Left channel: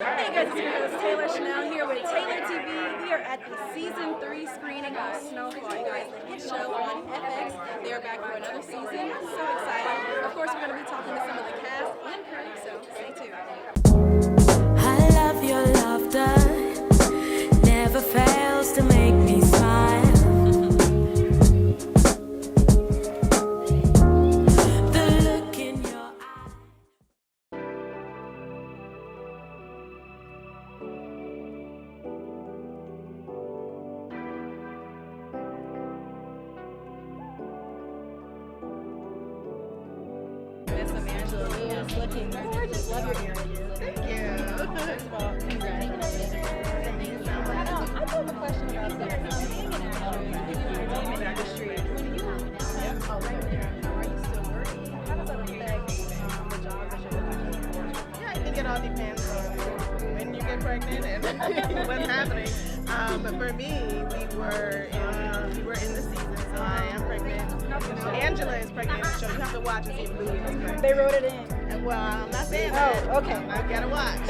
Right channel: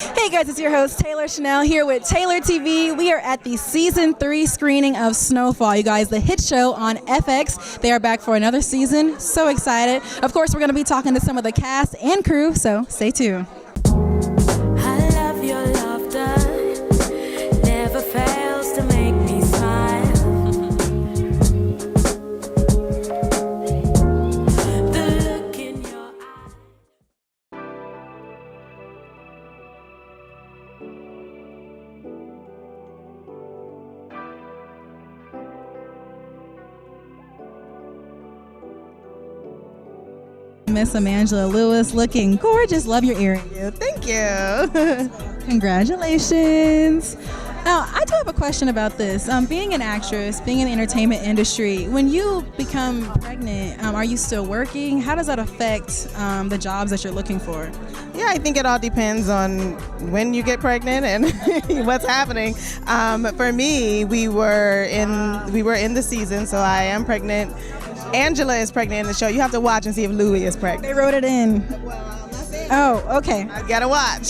Hey guys, it's your host Taylor Chanel here with Taylor TV. We are at the season 3 screening of Snowfall. You guys, the hit show on FX. They are back for another season. So excited. Of course, we're going to be talking to some of the cast and crew, so stay tuned. I love your laughter, never fails to make me smile. The look in your eye. Miss Amangela Lewis, looking gorgeous. Love your earring. Thank you. Congratulations. Now, I do have a question about this. Being an actress, being in the entertainment industry, when you become pregnant, are you still working? How does that affect the jobs that you're looking for? Yeah, I think it all depends on when you get pregnant and what's happening. For me, we were in the season, so I am pregnant. Angela is pregnant in the show. You have to watch and see if Louie is pregnant. They wrote it in. Well, I'm not saying Oh, okay. I gotta watch.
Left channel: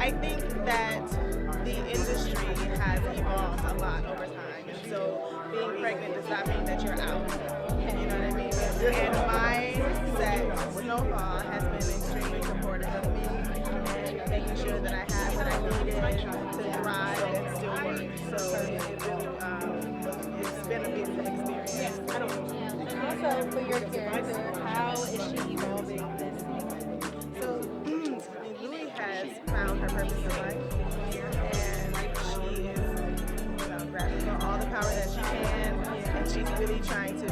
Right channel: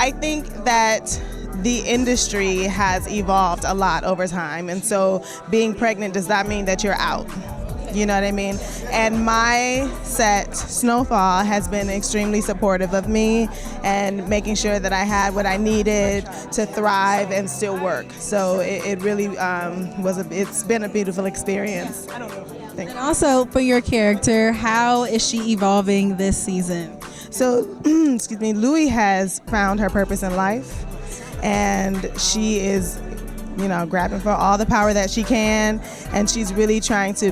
I think that the industry has evolved a lot over time, and so being pregnant does not mean that you're out. You know what I mean? And my set, Snowfall, has been extremely supportive of me and making sure that I had what I needed to thrive and still work. So it really it's been a beautiful experience. Thank you. Also, for your character, how is she evolving this season? So, excuse me, Louie has found her purpose in life, and she is, grabbing for all the power that she can, and she's really trying to,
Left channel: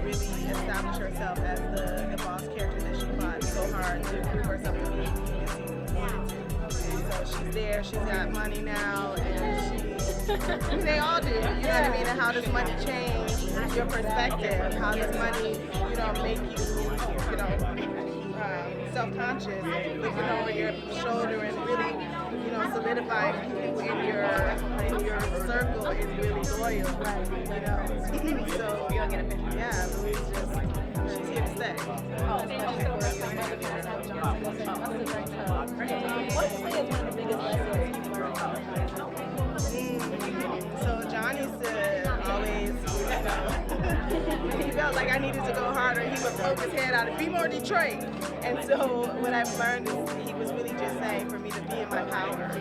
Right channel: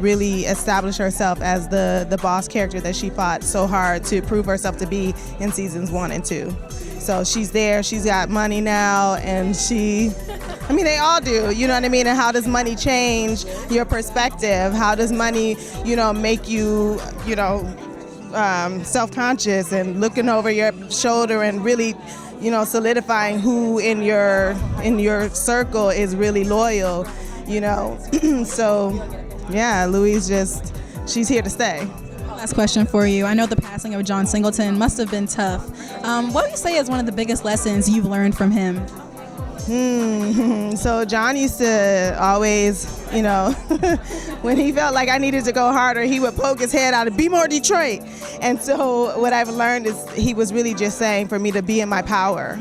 really establish herself as the boss character that she fought so hard to prove herself to be in seasons 1 and 2. So she's there, she's got money now, and they all do, you know what I mean? And how does money change your perspective? How does money, make you, self-conscious and looking over your shoulder and really, solidifying who in your circle is really loyal, So, yeah, Louise she's here to stay. Last question for you. I know the passing of John Singleton must have been tough. What would you say is one of the biggest lessons you've learned from him? So John used to always, when he felt like I needed to go harder, he would poke his head out and be more Detroit. And so what I've learned is he was really just saying for me to be in my power,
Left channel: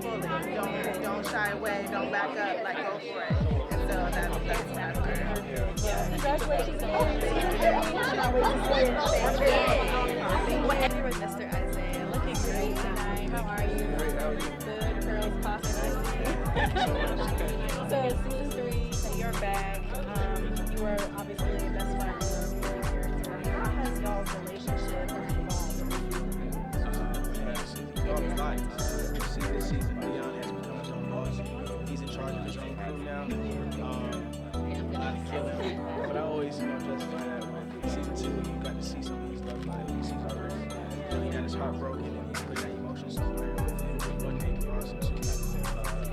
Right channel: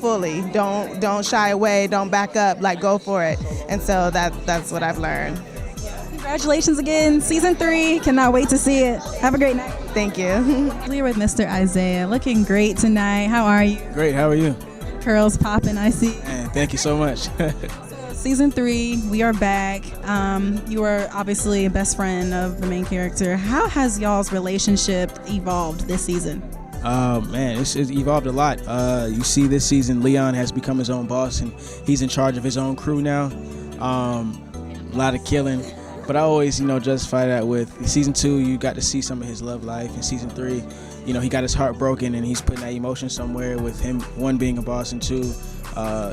fully. Don't shy away, don't back up, go for it. And so that's what I've learned. Congratulations again, season 3. Cannot wait to see it. Have a great night. Thank you. We're with Mr. Isaiah, looking great tonight. How are you? Great, how are you? Curls popping, I see. Thank you so much. So season 3, we are back. You are obviously a best friend of the main character. How has y'all's relationship evolved this season? Man, it's evolved a lot. You see this season, Leon has become his own boss, and he's in charge of his own crew now. A lot of killing. But I always, justify that with season 2, you got to see some of his love life. In season 3, he got his heart broken, and he's putting that emotion somewhere with him, 1, being a boss, and 2,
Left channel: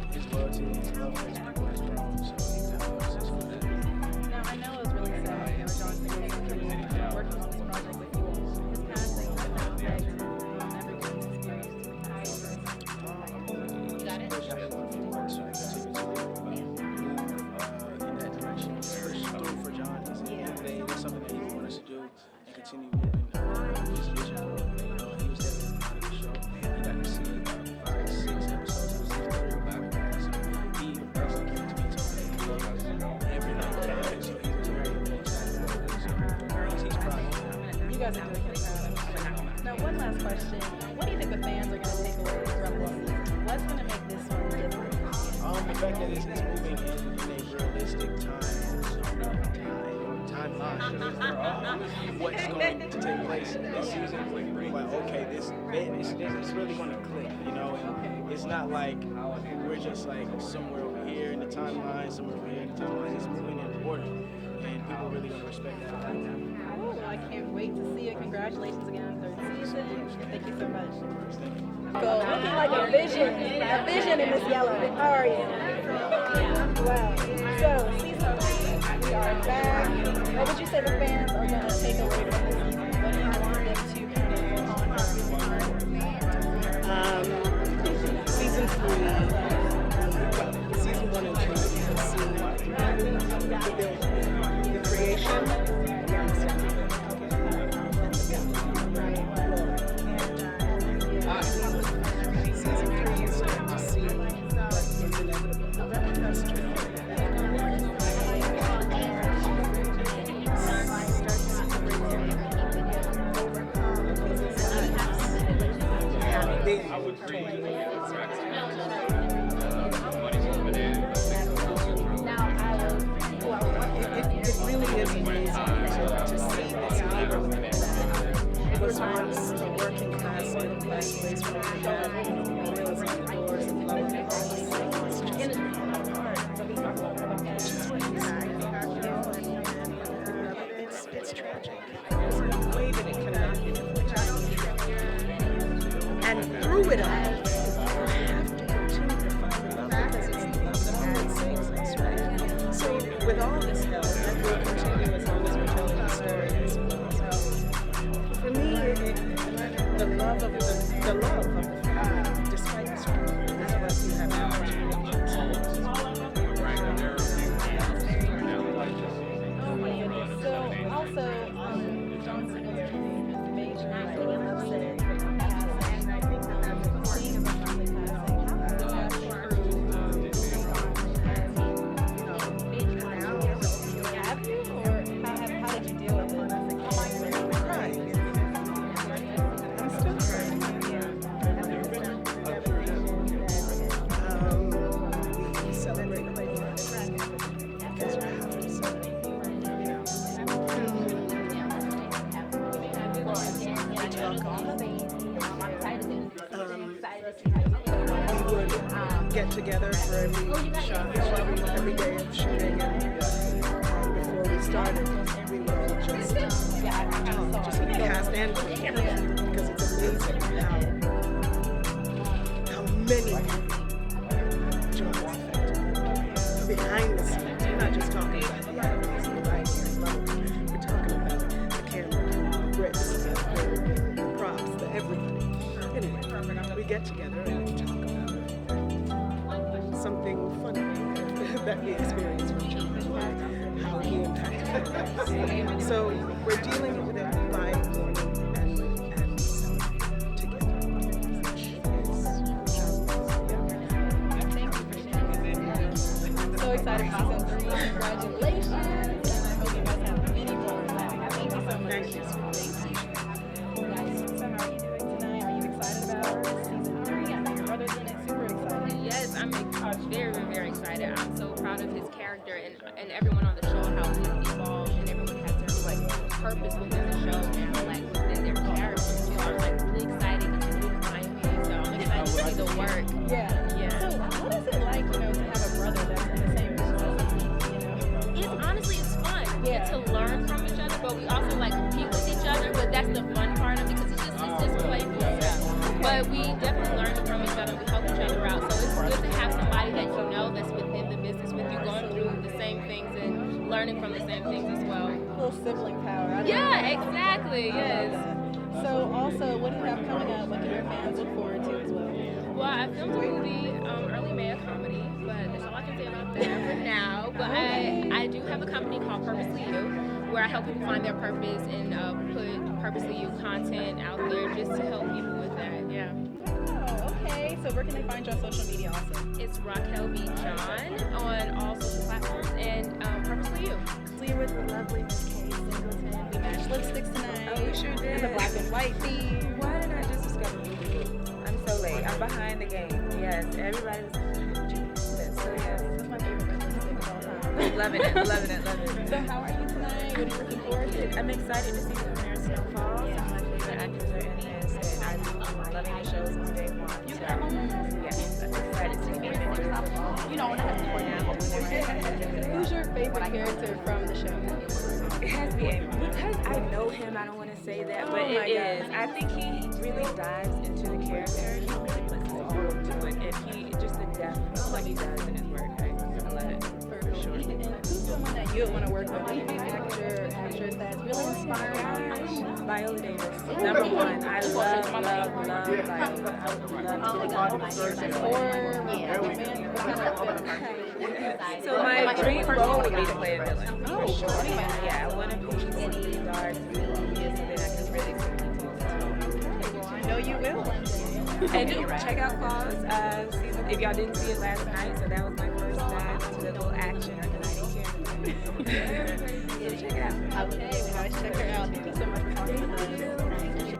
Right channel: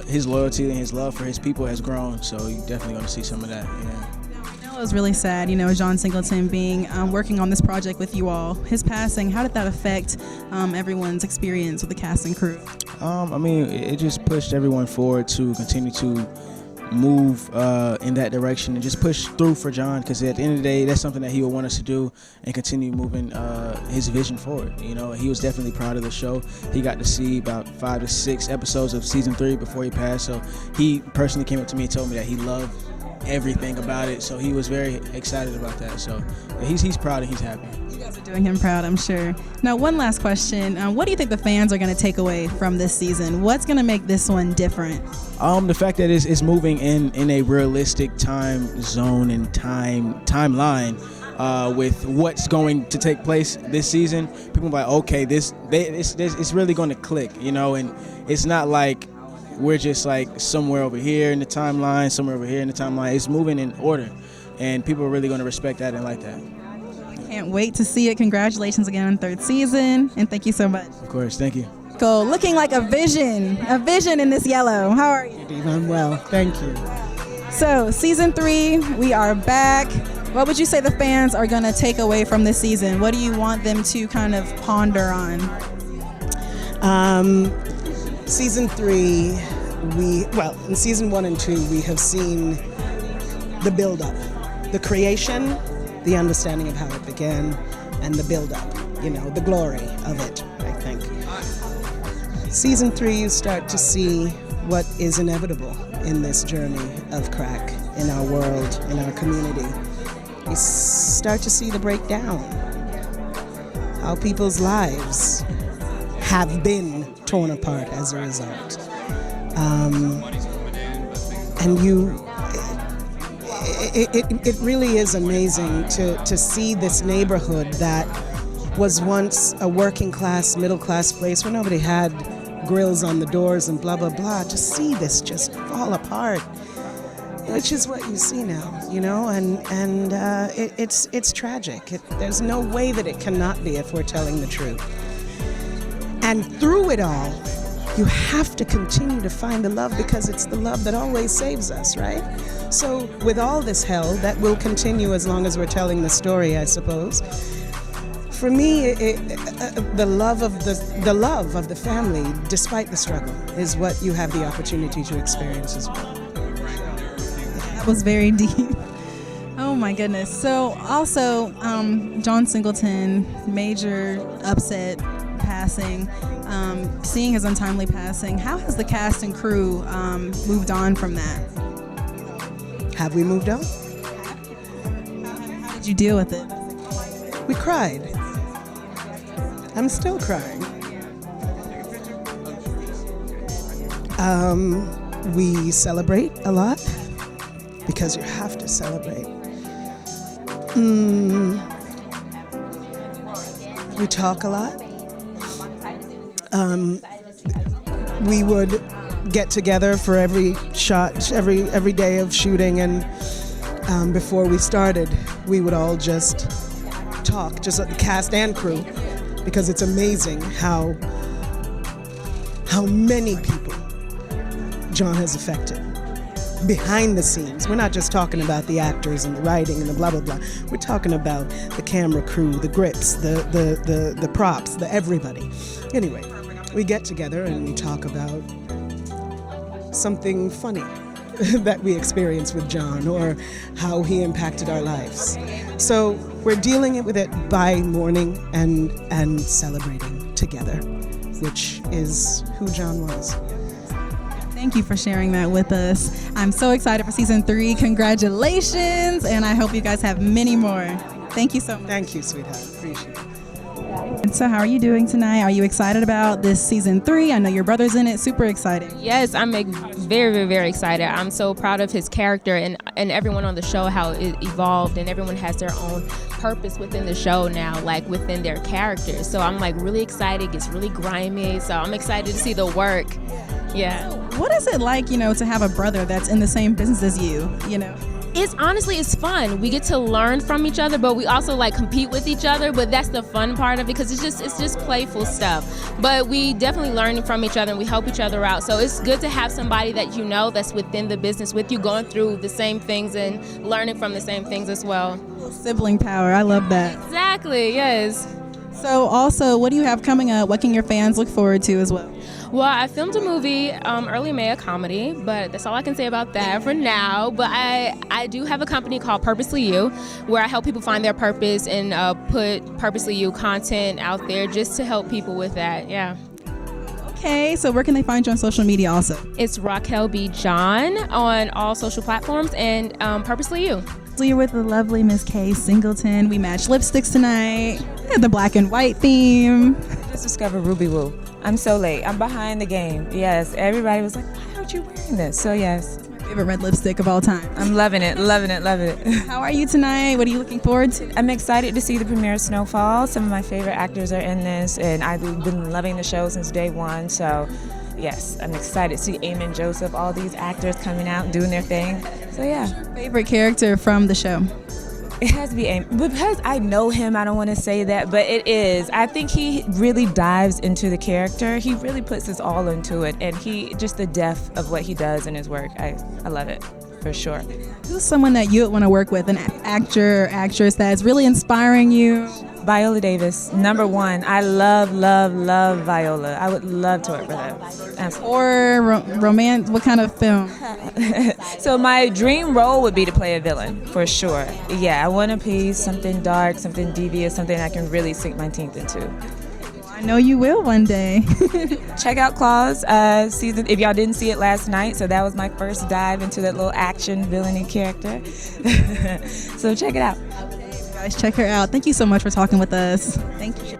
his loyalty and his love for his people has grown. So you definitely going to see some of that. Yeah. I know it was really sad, John Singleton being working on this project with you all. His passing, how did that affect everyone's experience with the cast and crew? It just pushed everyone forward to continue to move in that direction and just push through for John, because at the end of the day, that's something that he would want us to do and continue moving his vision forward. He was definitely proud of the show. He got to see about 5 to 6 episodes of season 3 before he passed, so he personally came up to me and told me that he loved everything about it, so he was very excited about that. So he's proud and he's happy. You guys are doing him proud, I'm sure. Now, one last question. What do you think the fans are going to take away from this season? What's going to make this one different? The fact that it's moving in a realistic time zone and timeline with what's going to take place this season. People are like, okay, it's really going to click, and it's not like we're just like somewhere over here in the timeline, somewhere over here in the timeline. It's moving in order, and people are really going to respect that and like that. Can't wait to see it. Congratulations again on 3rd season, and thank you so much. Of course, thank you. Cool. Looking like a vision in this yellow. How are you? I'm well, thank you. So, season 3, we are back. What would you say the fans are going to take away from this season? What do you want them to kind of ponder on? Season 3, in season 1 and 2, we have seen the build-up, the creation, the understanding of how it began, and the build-up, the glory of it, I think. Season 3, you start to see what is inevitable in this journey of crack in our world, in our community. You start to see the breakdown, how people's lives have been torn apart as a result. And it really is amazing to see this neighborhood that was once a working class, middle class place where nobody had grills on the doors and blah, blah, blah. To see this just fall apart, which is what you see now, and it's tragic. There's no way that it cannot be if we're telling the truth. And through it all, you have to continue to find the love, because it's the love that always saves us, right? So with all this hell, that will continue as long as we're telling the story, I suppose. For me, the love of the family, despite the struggle, is what you have the opportunity to experience as well. That was very deep. Oh my goodness. So also, John Singleton, major upset passing. Seeing his untimely passing, how has the cast and crew moved on from that? Have we moved on? How did you deal with it? We cried. I'm still crying. We celebrate a lot, because you have to celebrate. We talk a lot. We would get together for every shot, every day of shooting, and before we started, we would all just talk, just the cast and crew, because it's amazing how many people John has affected behind the scenes. We're not just talking about the actors and the writing and the blah, blah, blah. We're talking about the camera crew, the grips, the props, the everybody. Anyway, we get together and we talk about something funny that we experienced with John, or how he impacted our lives. So we're dealing with it by mourning and celebrating together, which is who John was. Thank you for sharing that with us. I'm so excited for season 3. Congratulations, and I hope you guys have many more. Thank you so much. Thank you, sweetheart. Appreciate it. And so how are you doing tonight? Are you excited about this season 3? I know your brother's in it. Super excited. Yes, I'm very, very, very excited. I'm so proud of his character and everyone on the show, how it evolved, and everyone has their own purpose within the show now, like within their characters. So I'm like really excited. It's really grimy. So I'm excited to see the work. Yeah. So what is it like, to have a brother that's in the same business as you, It's fun. We get to learn from each other, but we also like compete with each other. But that's the fun part of it, because it's just playful stuff. But we definitely learn from each other and we help each other out. So it's good to have somebody that that's within the business with you, going through the same things and learning from the same things as well. Sibling power. I love that. Exactly. Yes. So also, what do you have coming up? What can your fans look forward to as well? Well, I filmed a movie early May, a comedy, but that's all I can say about that for now. But I do have a company called Purposely You, where I help people find their purpose and put Purposely You content out there just to help people with that. Yeah. Okay, so where can they find you on social media also? It's Racquel B. John on all social platforms, and Purposely You. So you're with the lovely Miss Kaye Singleton. We matched lipsticks tonight. We had the black and white theme. Just discovered Ruby Woo. I'm so late. I'm behind the game. Yes, everybody was like, why aren't you wearing this? So yes. My favorite red lipstick of all time. I'm loving it, loving it, loving it. How are you tonight? What are you looking forward to? I'm excited to see the premiere of Snowfall. Some of my favorite actors are in this, and I've been loving the show since day one. So yes, I'm excited to see Eamon, Joseph, all these actors coming out, doing their thing. So yeah. Who's your favorite character from the show? It has to be Eamon. Because I know him, I don't want to say that, but it is. I think he really dives into the character. He really puts his all into it, and just the depth of what he does in his work. I love it. for sure. Who's someone that you would want to work with, an actor or actress that's really inspiring you? Viola Davis, #1. I love, love, love Viola. I would love to work with her. Absolutely. Or romance? What kind of film? So my dream role would be to play a villain, for sure. Yeah, I want to be something dark, something devious, something I can really sink my teeth into. I know you will one day. Check out Claws season, if y'all didn't see it last night. So that was my first dive into that little action villainy character. So check it out. Guys, check her out. Thank you so much for talking with us. Thank you.